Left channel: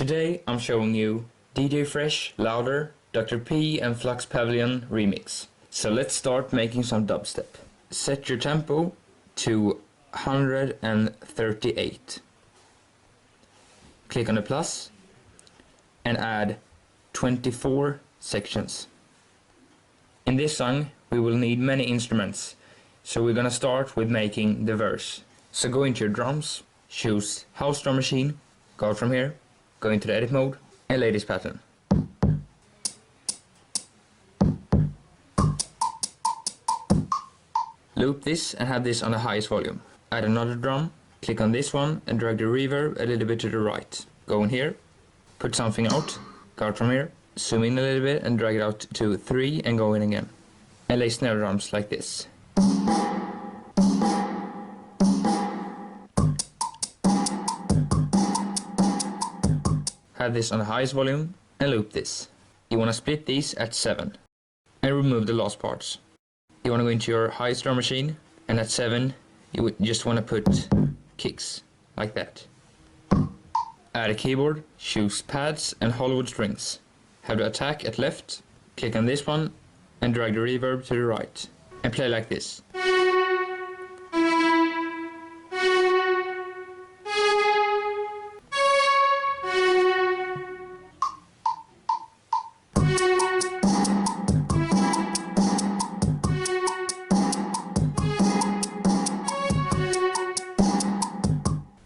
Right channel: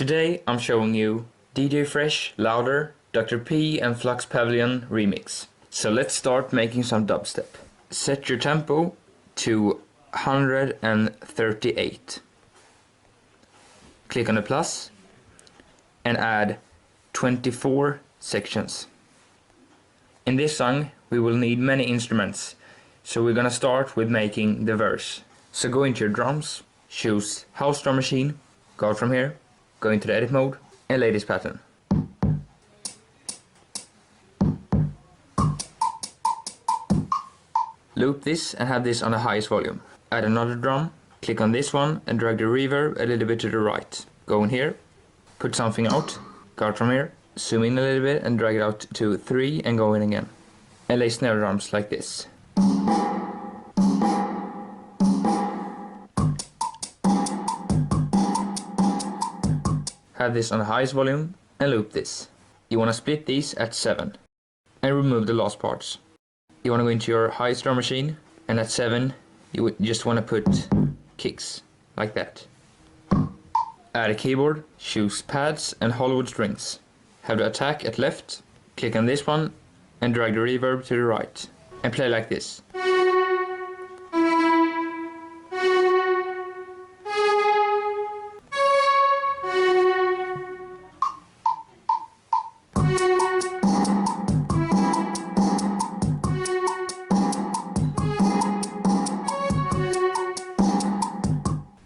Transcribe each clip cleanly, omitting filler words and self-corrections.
Today I'm showing you DJ Fresh, Louder, Dr. P and Flux Pavilion remix. So let's start making some dubstep. Set your tempo to 138. Click on the plus and add 24 sections. In this song we will need many instruments, so we're gonna start with making the verse. So go into your drums, choose house drum machine, go out from here, go into the edit mode and lay this pattern. Loop this and have this on the highest volume. Add another drum, click on this one and drag the reverb a little bit to the right. Go in here, put something out, go out from here, zoom in a little bit and drag it out to 3 and go in again. And lay snare drums like this. Have this on the highest volume and loop this. You want to split these at 7 and remove the last parts. You want to go into your highest drum machine and at 7 you would just want to put kicks like that. Add a keyboard, choose pads and Hollywood strings. Have the attack at left, click on this one and drag the reverb to the right and play like this.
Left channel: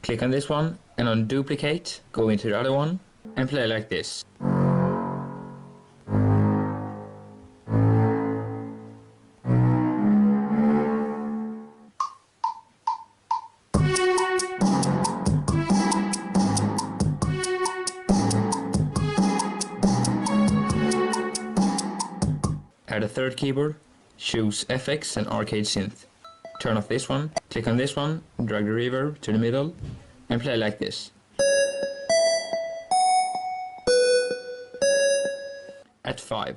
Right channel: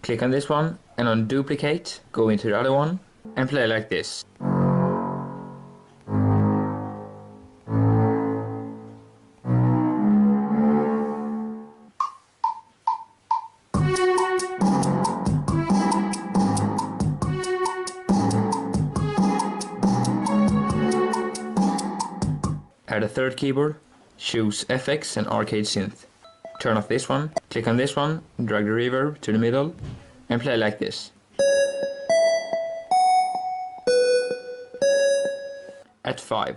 Click on this one and on duplicate, go into the other one and play like this. Add a third keyboard, choose FX and Arcade Synth. Turn off this one, click on this one, drag the reverb to the middle and play like this. At 5.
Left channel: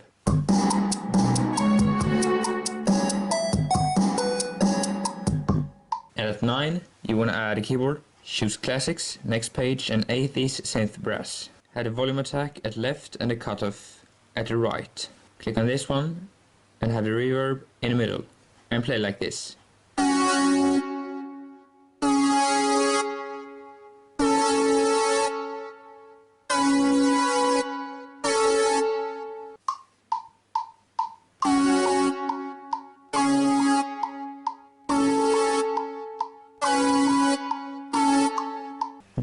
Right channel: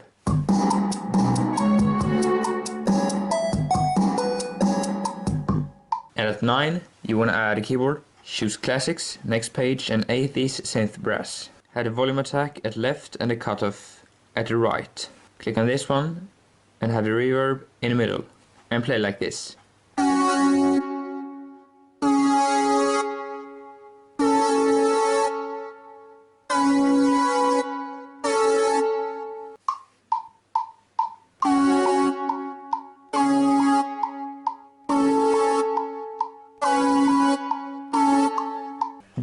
And at 9, you want to add a keyboard, choose Classics, Next Page and 80s Synth Brass. Have the volume attack at left and the cutoff at the right. Click on this one and have the reverb in the middle and play like this.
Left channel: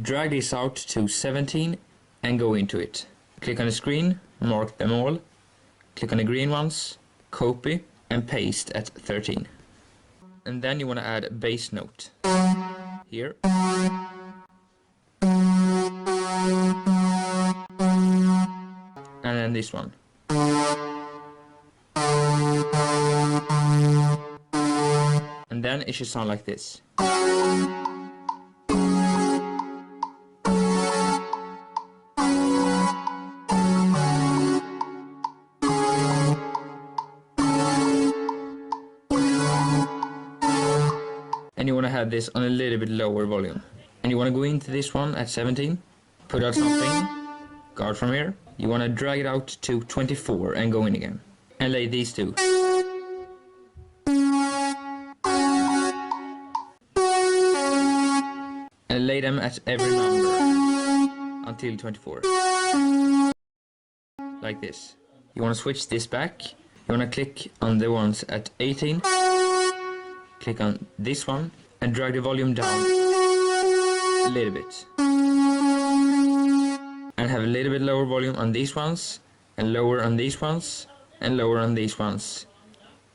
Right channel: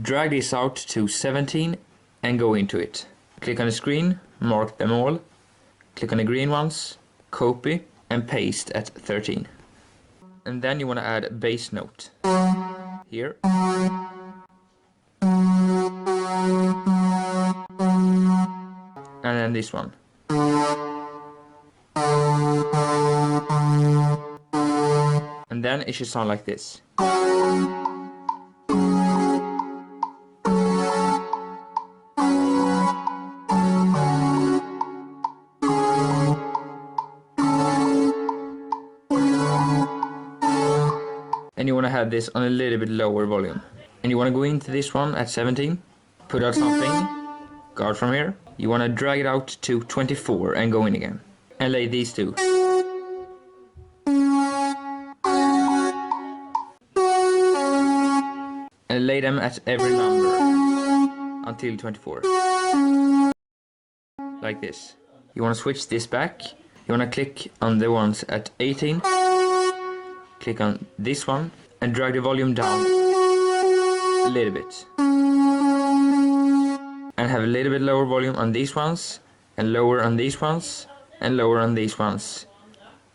Drag this out to 17 and go into it. Click on the screen, mark them all, click on the green ones, copy and paste at 13. And then you want to add a bass note here. And then this one. And then it should sound like this. And you want to have this on a little bit lower volume. And you want to go into this one at 17, put out something, go out from here. You want to drag it out to 24 and go in again. And lay these two. And lay them at every number until 24. Like this. You want to switch this back. You want to click on the ones at 18. Click on this one and drag the volume down a little bit. And have a little bit lower volume on these ones, and lower on these ones, and lower on these ones.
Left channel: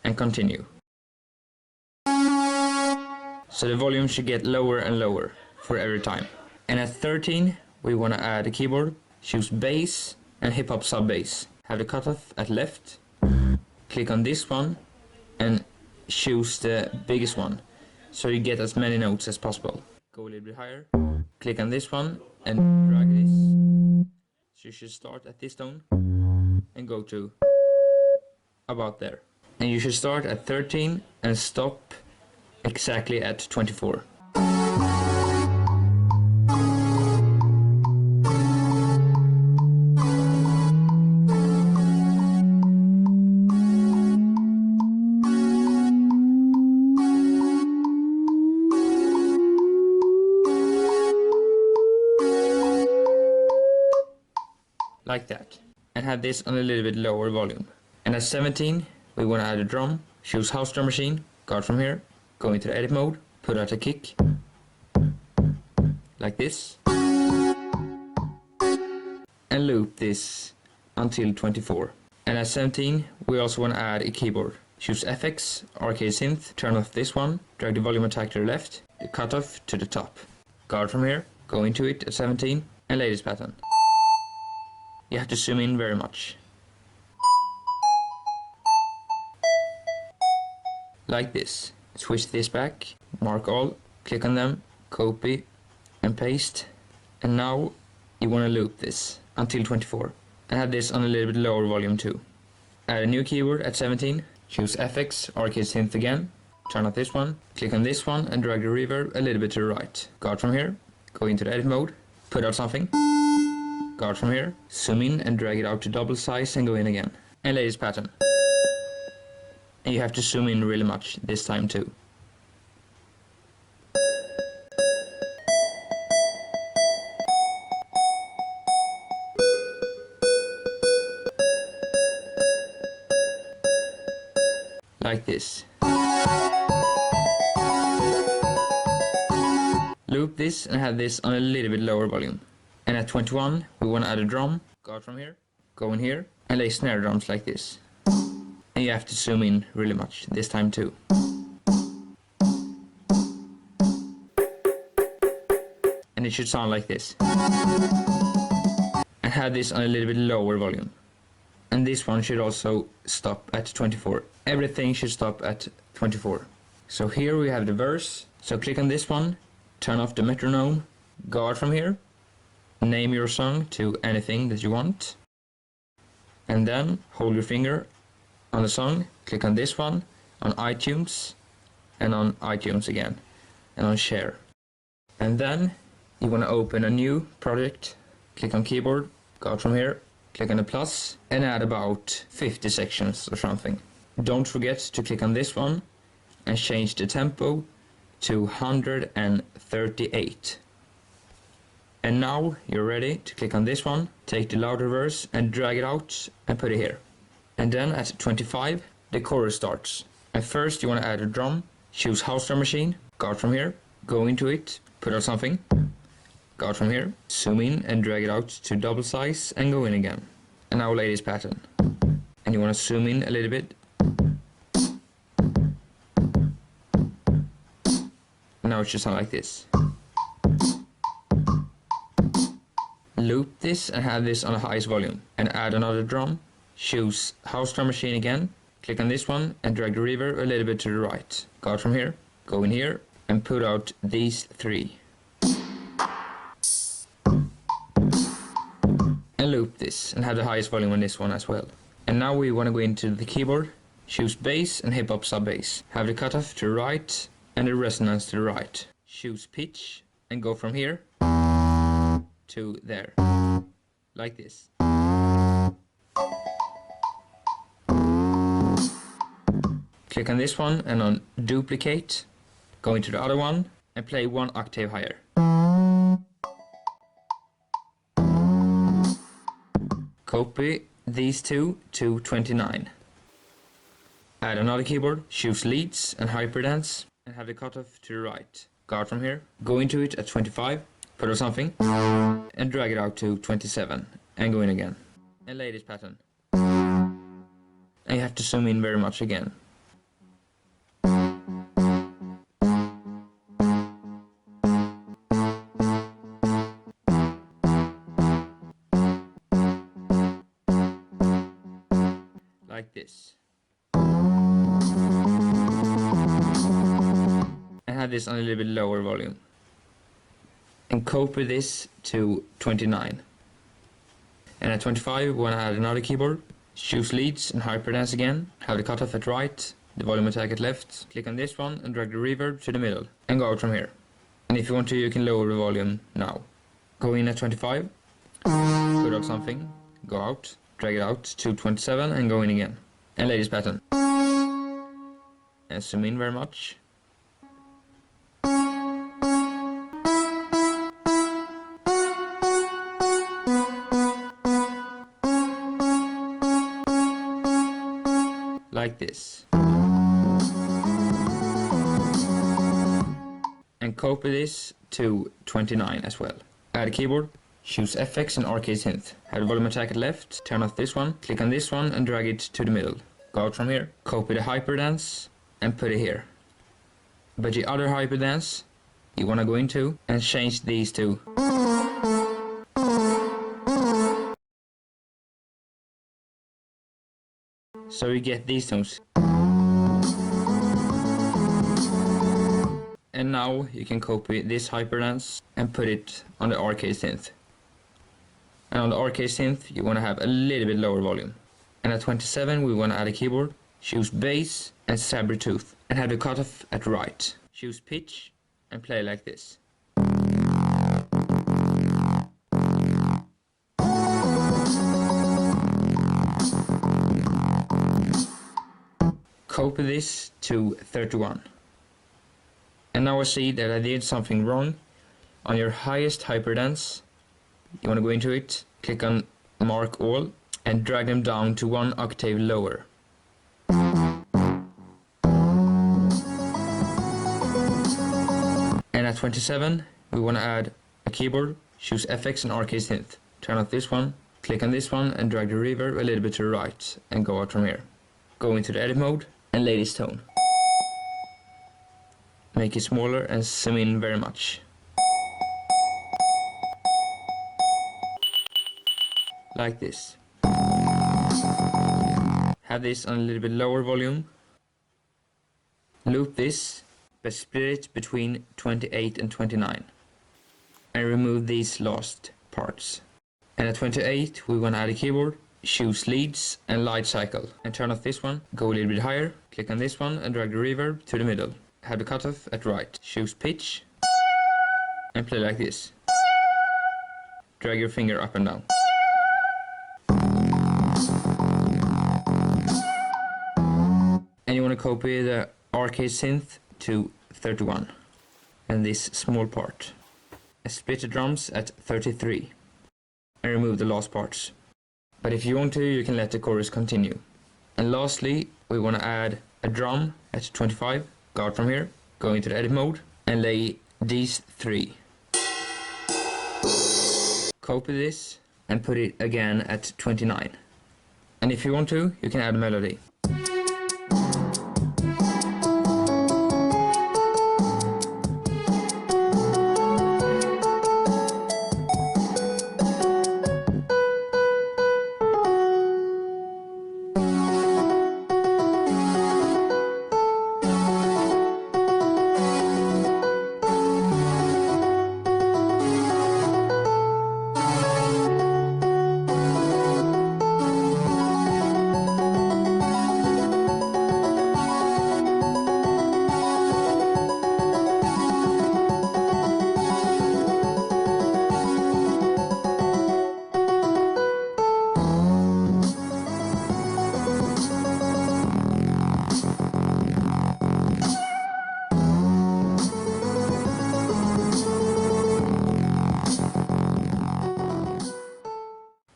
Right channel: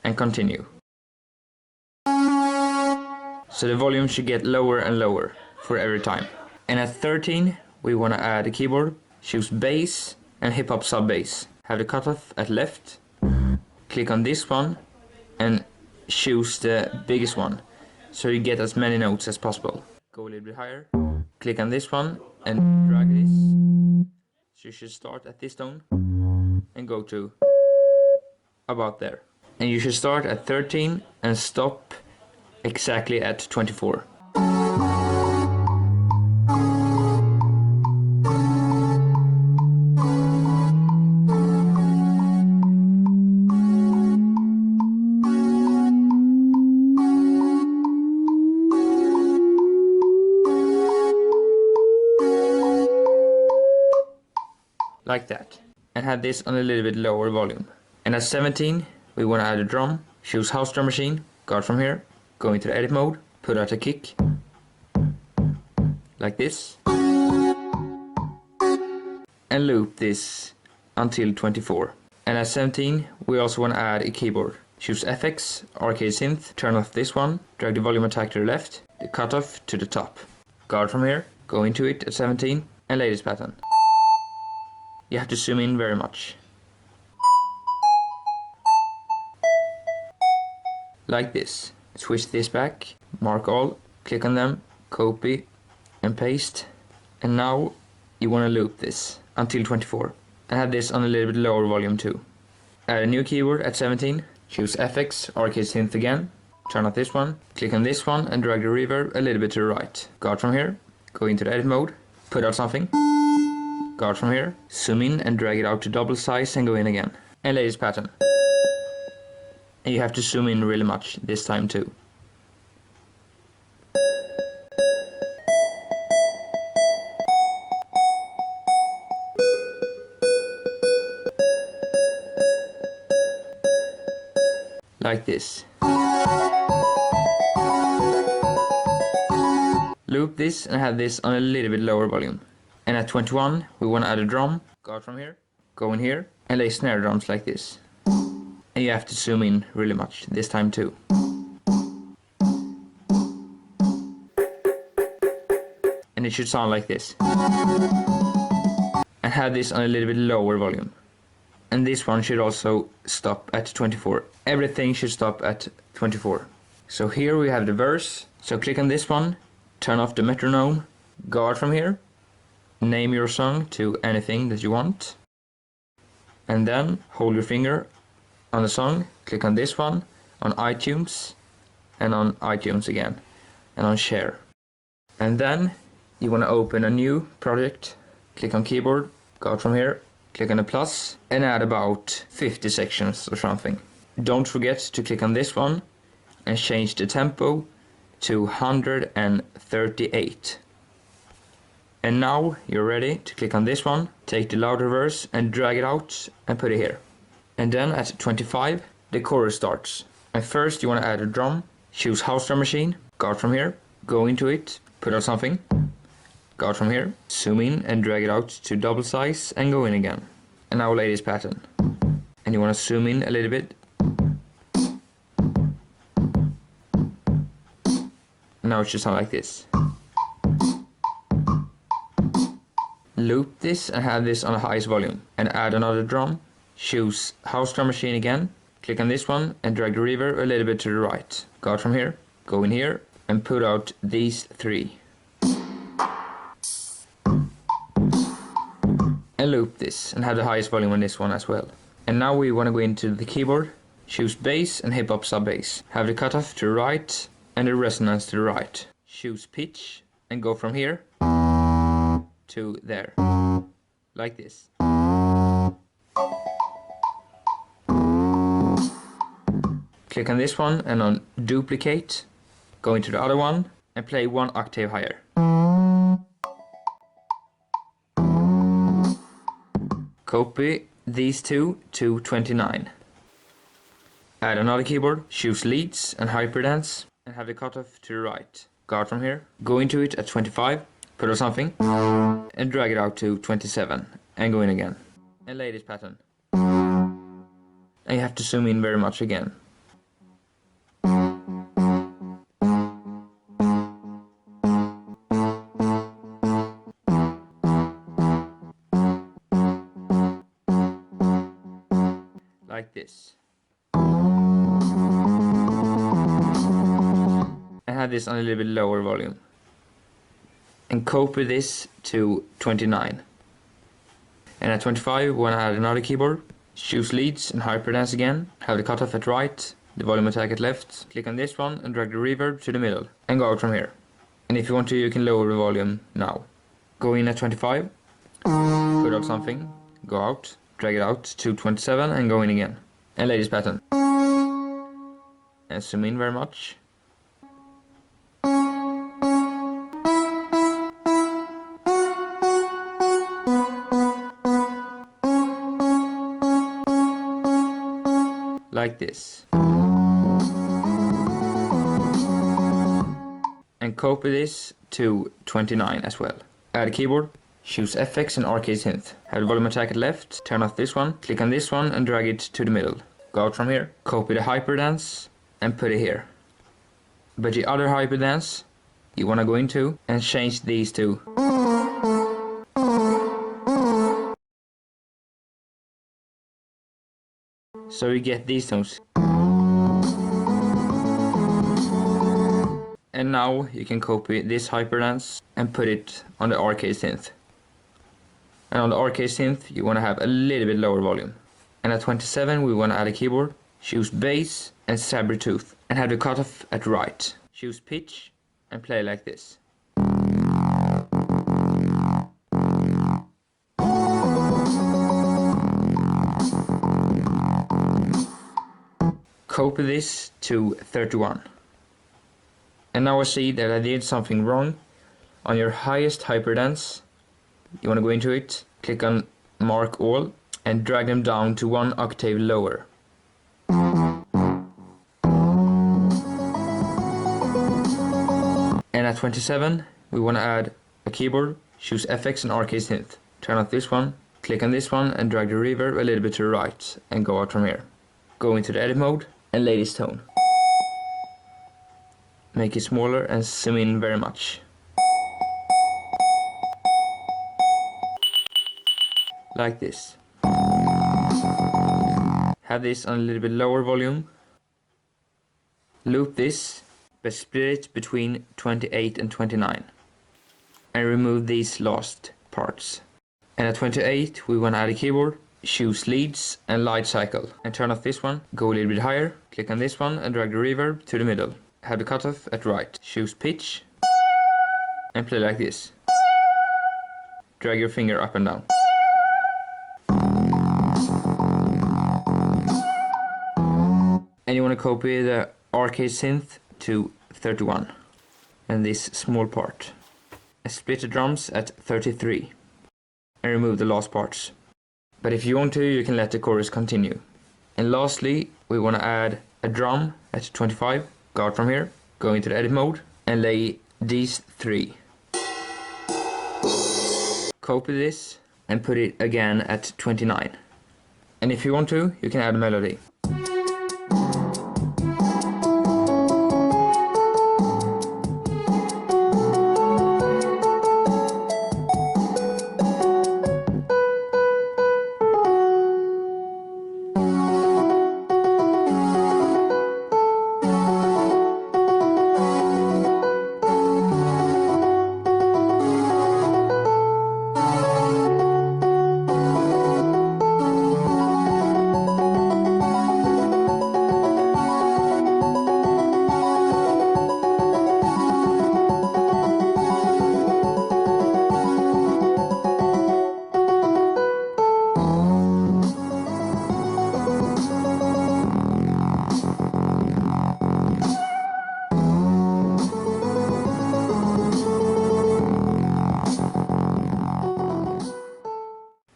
And continue. So the volume should get lower and lower for every time. And at 13 we want to add a keyboard, choose bass and hip hop sub bass. Have the cutoff at left, click on this one and choose the biggest one so you get as many notes as possible. Go a little bit higher, click on this one and drag this. So you should start at this tone and go to about there. And you should start at 13 and stop exactly at 24. like that. And have this on a little bit lower volume. And at 17, we want to add a drum. Choose house drum machine, go from here, go into the edit mode, put out a kick, like this. And loop this until 24. And at 17, we also want to add a keyboard. Choose FX, Arcade Synth, turn off this one, drag the volume attack to the left, the cutoff to the top. Guard from here, go into it at 17, and lay this pattern. You have to zoom in very much. Like this. Switch this back, mark all, click on them, copy, and paste. And now you want to loop this until 24. And have this on a little bit lower volume too. Add a new keyboard at 17, choose FX, Arcade Synth again, turn off this one, click on this one and drag the reverb a little bit to the right. Guard from here, go into the edit mode, put out something, guard from here, zoom in and drag it out to double size and go in again. And lay this pattern. And you have to zoom in really much this time too. Like this. Loop this and have this on a little bit lower volume. And at 21 we want to add a drum. Guard from here, go in here and lay snare drums like this. And you have to zoom in really much this time too. And it should sound like this. And have this on a little bit lower volume. And this one should also stop at 24. Everything should stop at 24. So here we have the verse. So click on this one, turn off the metronome, guard from here, name your song to anything that you want. And then hold your finger on the song, click on this one, on iTunes, and on iTunes again, and on share. And then you want to open a new project, click on keyboard, guard from here, click on the plus, and add about 50 sections or something. Don't forget to click on this one and change the tempo to 138. And now you're ready to click on this one, take the louder verse and drag it out and put it here. And then at 25, the chorus starts. And first you want to add a drum, choose house drum machine, guard from here, go into it, put out something, guard from here, zoom in and drag it out to double size and go in again. And now lay this pattern. And you want to zoom in a little bit. Now it should sound like this. Loop this and have this on the highest volume. And add another drum. Choose house drum machine again. Click on this one and drag the reverb a little bit to the right. Guard from here, go in here and put out these three. And loop this and have the highest volume on this one as well. And now we want to go into the keyboard, choose bass and hip hop sub bass. Have the cutoff to the right and the resonance to the right. Choose pitch and go from here to there, like this. Click on this one and on duplicate, go into the other one and play one octave higher. Copy these two to 29. Add another keyboard, choose leads and hyperdance and have the cutoff to the right. Guard from here, go into it at 25, put on something and drag it out to 27 and go in again. And lay this pattern. And you have to zoom in very much again. Like this. And have this on a little bit lower volume. And copy this to 29. And at 25 we want to add another keyboard. Choose leads and hyperdance again. Have the cutoff at right, the volume attack at left. Click on this one and drag the reverb to the middle. And go out from here. And if you want to, you can lower the volume now. Go in at 25. Put out something. Go out. Drag it out to 27 and go in again. And lay this pattern. And zoom in very much. like this. And copy this to 29 as well. Add a keyboard, choose FX and Arcade Synth. Have the volume attack at left, turn off this one, click on this one and drag it to the middle. Go out from here, copy the hyperdance and put it here. But the other hyperdance you want to go into and change these two. So you get these tones. And now you can copy this hyperdance and put it on the Arcade Synth. And on the Arcade Synth you want to have a little bit lower volume. And at 27 we want to add a keyboard, choose bass and saber-tooth and have the cutoff at right. Choose pitch and play like this. Copy this to 31. And now I see that I did something wrong. On your highest hyperdance, you want to go into it, click on mark all and drag them down to 1 octave lower. And at 27 we want to add a keyboard, choose FX and Arcade Synth. Turn off this one, click on this one and drag the reverb a little bit to the right and go out from here. Go into the edit mode and lay this tone. Make it smaller and zoom in very much. Like this. Have this on a little bit lower volume. Loop this, but split it between 28 and 29. And remove these last parts. And at 28 we want to add a keyboard, choose leads and light cycle. And turn off this one, go a little bit higher, click on this one and drag the reverb to the middle. Have the cutoff at right. Choose pitch and play like this. Drag your finger up and down. And you want to copy the Arcade Synth to 31 and this small part. And split the drums at 33 and remove the last parts. But if you want to, you can let the chorus continue. And lastly, we want to add a drum at 25. Go out from here, go into the edit mode and lay these 3. Copy this and put it again at 29. And if you want to, you can add a melody.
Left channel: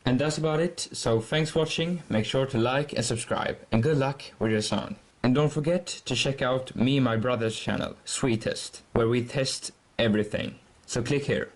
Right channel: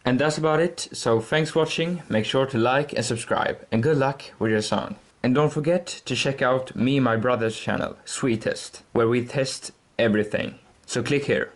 And that's about it, so thanks for watching, make sure to like and subscribe, and good luck with your song. And don't forget to check out me and my brother's channel, Sweet Test, where we test everything. So click here.